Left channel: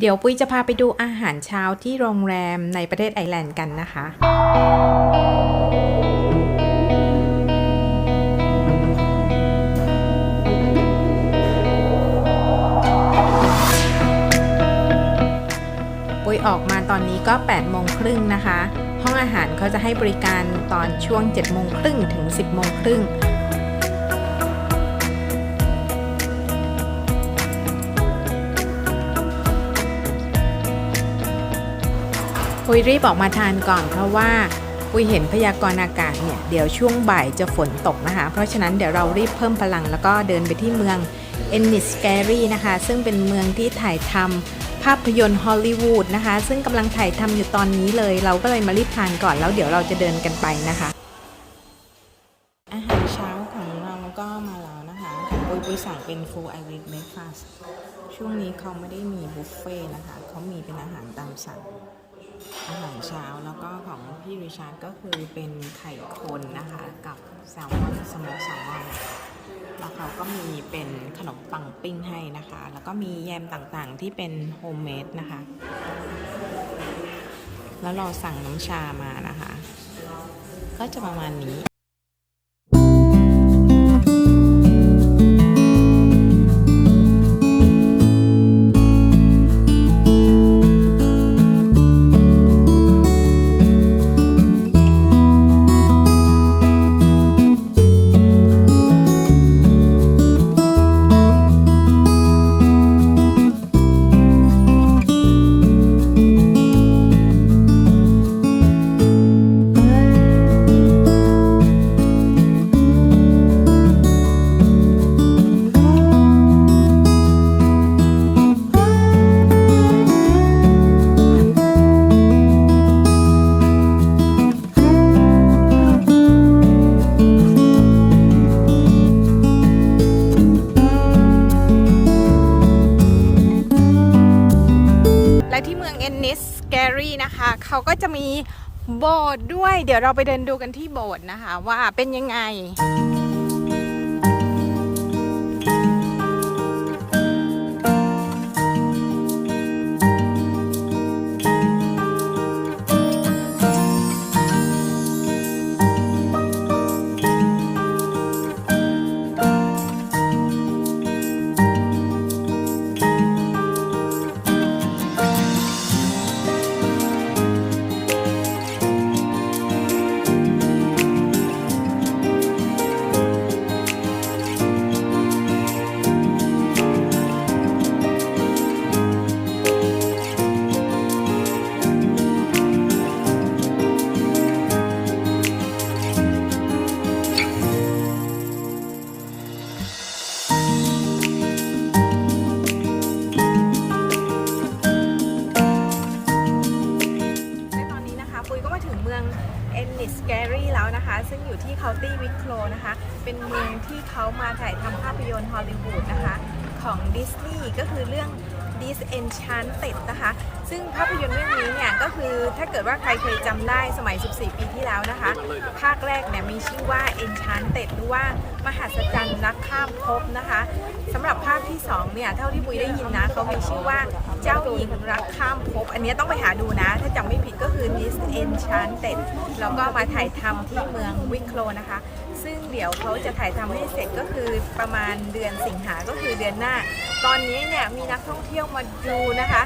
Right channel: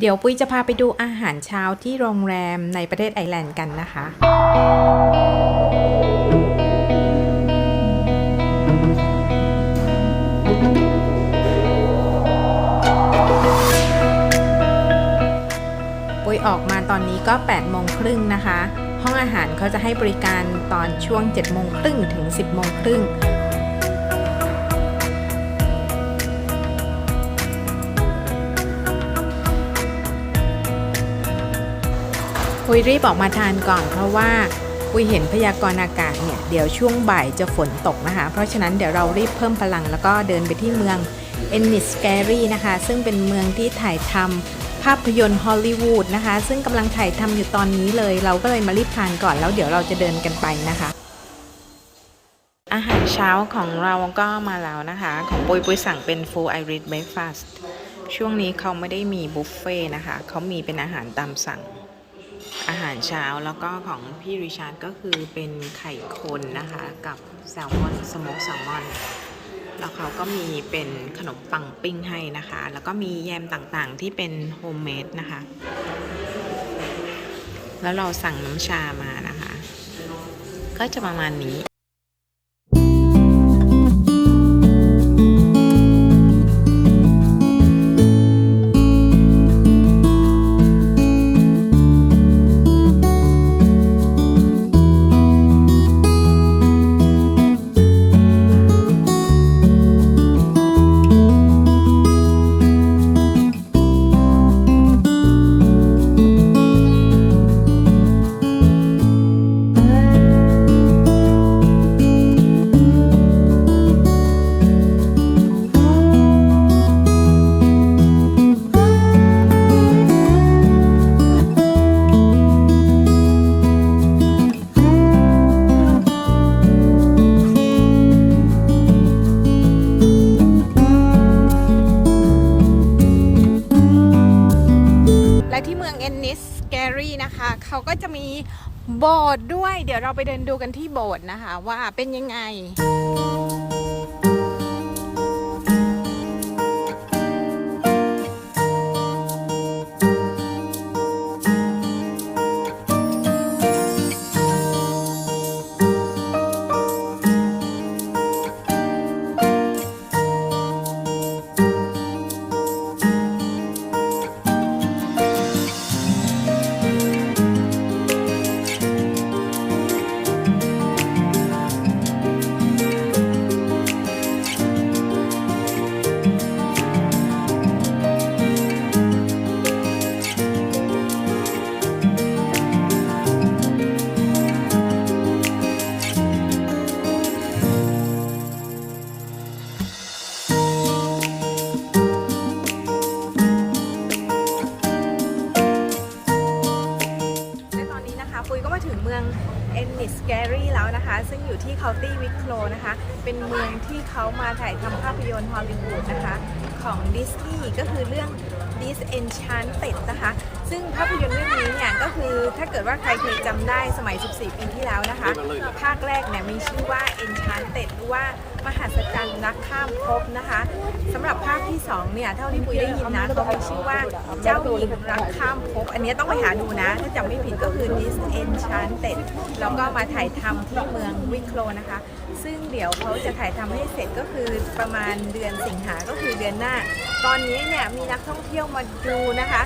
เดี๋ยวปุ้ยจะพาไปดูอาหารเช้าที่โรงแรมในประเทศไอร์แลนด์กันนะคะ ปุ้ยออกมาตอนนี้ก็8โมงครึ่งนะคะ ห้องอาหารเขาจะให้บริการตอนช่วง7โมงครึ่งถึง 10โมงครึ่ง ปุยรีบออกมาทานก่อนเพราะว่าปุยเห็นพยากรณ์อากาศเนี่ยเดี๋ยวช่วงบ่ายจะฝนตกนะคะ เพราะฉะนั้นเดี๋ยวเรารีบเพิ่มพลังแล้วก็เดินไปที่เมืองเอนนิสแกรีนะคะ ซึ่งเป็นเมืองที่ถ่ายทำภาพยนตร์ฮอลลีวูดนะคะ ซึ่งกำลังถ่ายทำอยู่ตอนนี้เลย เราก็เลยมารีบทานก่อนแล้วเดี๋ยวเราจะเดินกันไปนะคะ อาหารเช้าของเราก็มาแล้วนะคะ ของปุยปุยสั่งเป็น full Irish breakfast ช่วงนี้เขาไม่ได้มีบุฟเฟ่ต์นะคะเขามีเป็นอาหารตามสั่ง อาหารเช้าแล้วก็ของพี่ริชาร์ดก็คือเป็นไข่คนนะคะกับแซลมอนสโมกแซลมอน แล้วเขาก็มีเป็นขนมปังปิ้งให้นะคะ แล้วก็มีแยมต่างๆที่เป็นโฮมเมดนะคะ แล้วเราสั่งน้ำชามานะคะ ก็จะประมาณนี้ รีนะคะ เขาก็จะมีโบสถ์ด้วย เดี๋ยวเราไปเดินดูกันที่โบสถ์นะคะ ว่าเป็นยังไง เอนนิสแกรีแล้วนะคะ ซึ่งอยู่ที่เคาน์ตี้วิคโลนะคะ เป็นเมืองที่เขามาถ่ายทำภาพยนตร์ฮอลลีวูดนะคะ ของดิสนีย์ก็คือเรื่อง Disenchanted นะคะ ซึ่งภาพยนตร์เรื่องนี้เนี่ยก็คือถ้าเกิดว่าใครเคยจำได้สมัย 14 ปีที่แล้วนะคะ ภาคแรกเนี่ยมีชื่อว่า Enchanted หรือว่ามหัศจรรย์รักข้ามภพนะคะสำหรับภาคที่ 2 เนี่ยเท่าที่ปุยได้ยินนะเขามีชื่อว่าเจ้าหญิงรักข้ามภพอันนี้ต้องไปหาดูนะ ถ้าจำไม่ผิดก็คือ Disenchanted แล้วก็มาถ่ายทำที่เมืองวิคโลนะคะ ซึ่งเดี๋ยวเขาจะถ่ายทำให้เสร็จก็คือประมาณเดือนสิงหาก็คือเดือนหน้า ตอนนี้เนี่ยมีนักท่องเที่ยวมาดูนะคะ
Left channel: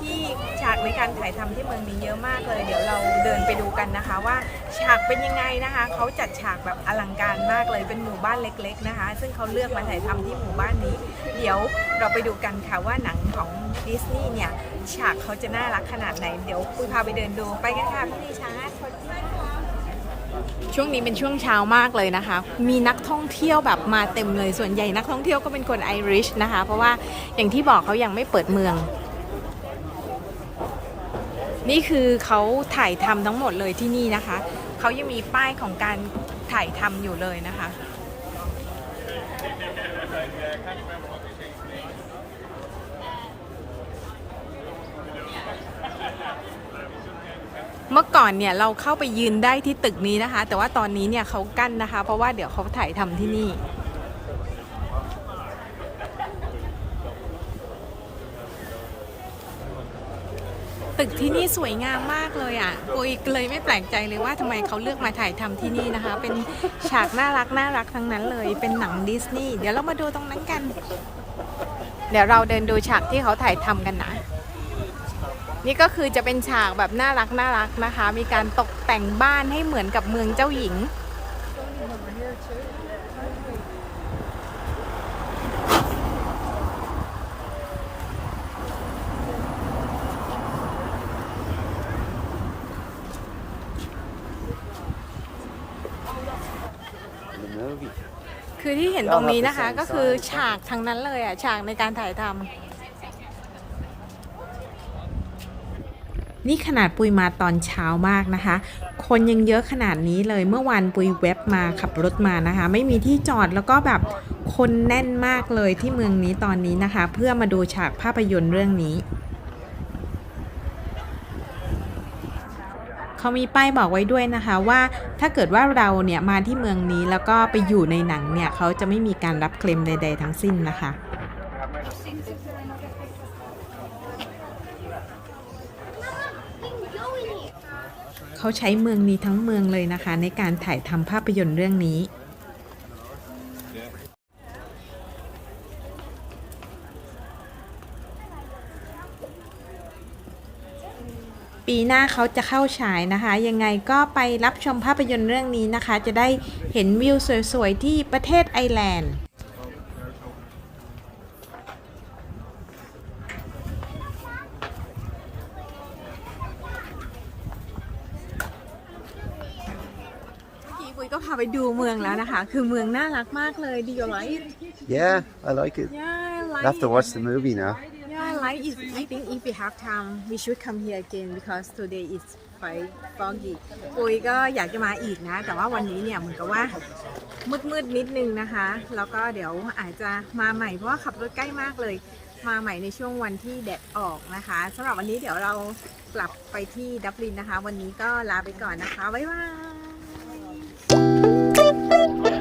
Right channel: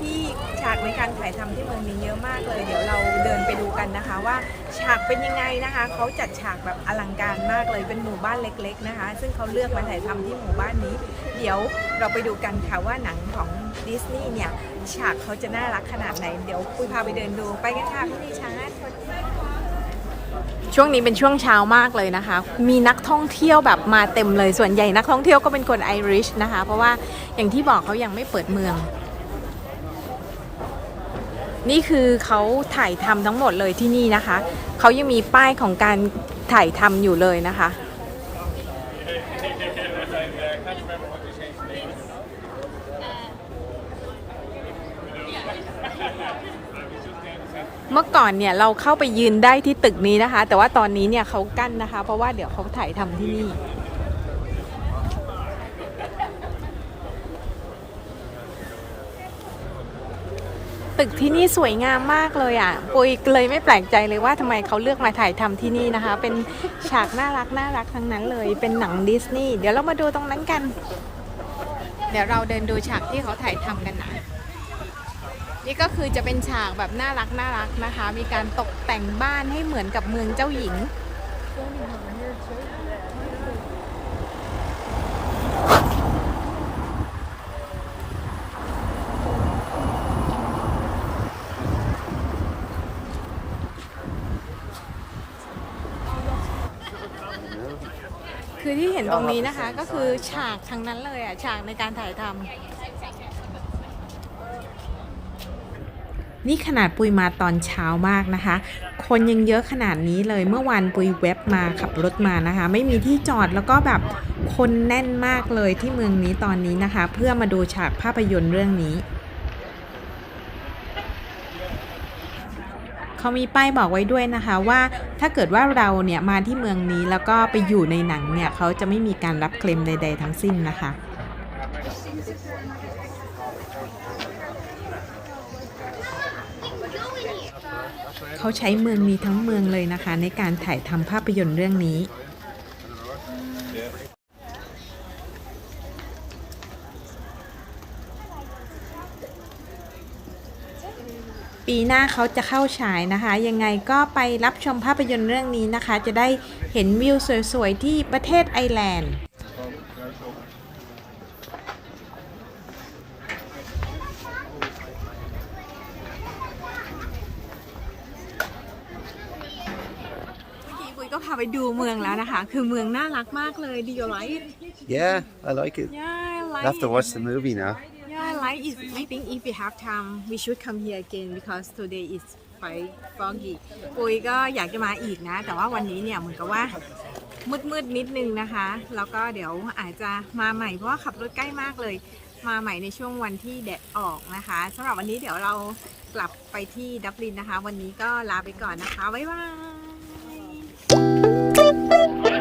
ที่ฉากในการถ่ายทำที่เมืองนี้เยอะมากเลย เดี๋ยวเราเดินไปดูกันนะคะ ว่าฉากเป็นยังไงนะคะเขาจัดฉากแบบอลังการมากเลยเป็นหมู่บ้านเล็ก ๆนะคะ ซึ่งเขาเลือกมาถ่ายทำที่หมู่บ้านนี้ เดี๋ยวเราไปดูกันค่ะว่าหนังของดิสนีย์เนี่ยฉากเขาจะน่ารักขนาดไหนเดี๋ยวปุยพาไปเดินดูไปกันค่ะพี่นิชาร์ดช่วงนี้เป็นช่วงเช้ามากเลยนะคะ มีนักท่องเที่ยวแบบมาเต็มเลย ส่วนใหญ่นักท่องเที่ยวก็เป็นคนไอริชนะคะ เพราะว่าอย่างที่บอกเขายังไม่เปิดเมือง นี่คือเขาถ่ายทำทั้งหมดเลยที่นี่นะคะ เขายังมีป้ายของการถ่ายทำอยู่เลยนะคะ เมื่อก่อนเนี่ยเราเข้าไปยืนได้ที่ตึกนี้นะคะ แต่ว่าตอนนี้เนี่ยเขากั้นนะคะ เพราะว่าเดี๋ยวเขาถ่ายทำที่นี่ ตึกที่นี่สวยงามมากเลยอะปุยเลยไม่แปลกใจเลยว่าทำไมเขาเลือกมาถ่ายทำที่นี่นะคะ เป็นฉากน่ารักน่ารักทั้งนั้นเลย เป็นหนังดิสนีย์เดี๋ยวเรามาดูตรงนั้นกัน เดี๋ยวเราเดินดูฉากที่เขาถ่ายทำกันนะนี่ก็คือจะเป็นฉากแบบน่ารักน่ารักนะคะ มีการตกแต่งบ้านให้เหมือนกับเมืองเจ้าหญิง คือที่เห็นตรงนี้นะคะ ก็คือฉากทั้งนั้นเลยอะ ฉากในการถ่ายทำนี่ขนาดปุยมาตอนเช้ามากนะคะ คนยังเยอะขนาดนี้เลยเมื่อวานปุยเว็บมาขับรถมานะคะ ไม่มีที่จอดแล้วก็แบบคนแน่นมากเลยที่เมืองนี้ตอนนี้นะคะ เพื่อมาดูฉากภาพยนตร์เรื่องนี้ เขามีป้ายบอกไว้ด้วยนะคะว่าถ้าเกิดว่าเราเนี่ยมาที่เมืองนี้แล้วก็ไปอยู่ในหนังเนี่ยเขาจะไม่มีการรับเคลมใด ๆ ทั้งสิ้นนะคะเขาใช้เมืองนี้ทั้งเมืองเลยนะคะ ในการถ่ายทำภาพยนตร์เรื่องนี้ ปีหน้าเขาจะเข้าฉายนะคะ ยังไงก็ไปรับชมภาพยนตร์เรื่องนี้นะคะ จะได้เห็นวิวสวยๆ ที่ประเทศไอร์แลนด์เมื่อกี้ปุ้ยก็พาไปดูเมืองแล้วนะคะ คือเมืองน่ารักมากเลย Do you like it? Yeah, I like it. Yeah, I I like have to it. watch the movie now. is I think if we have time we should come here again because today is quite foggy ปุยก็อยากจะมาอีกนะ แต่ว่าวันนี้เนี่ยเหมือนกับว่ามืดมืดนิดนึงนะคะ แล้วก็เดี๋ยวอาจจะมาใหม่เพราะว่าขับรถใกล้มากเลย มาใหม่ในช่วงวันที่แดดออกนะคะสำหรับวันนี้เดี๋ยวเรากลับไปที่ดับลินนะคะ วันนี้ก็ลาไปก่อนนะคะ บ๊ายบาย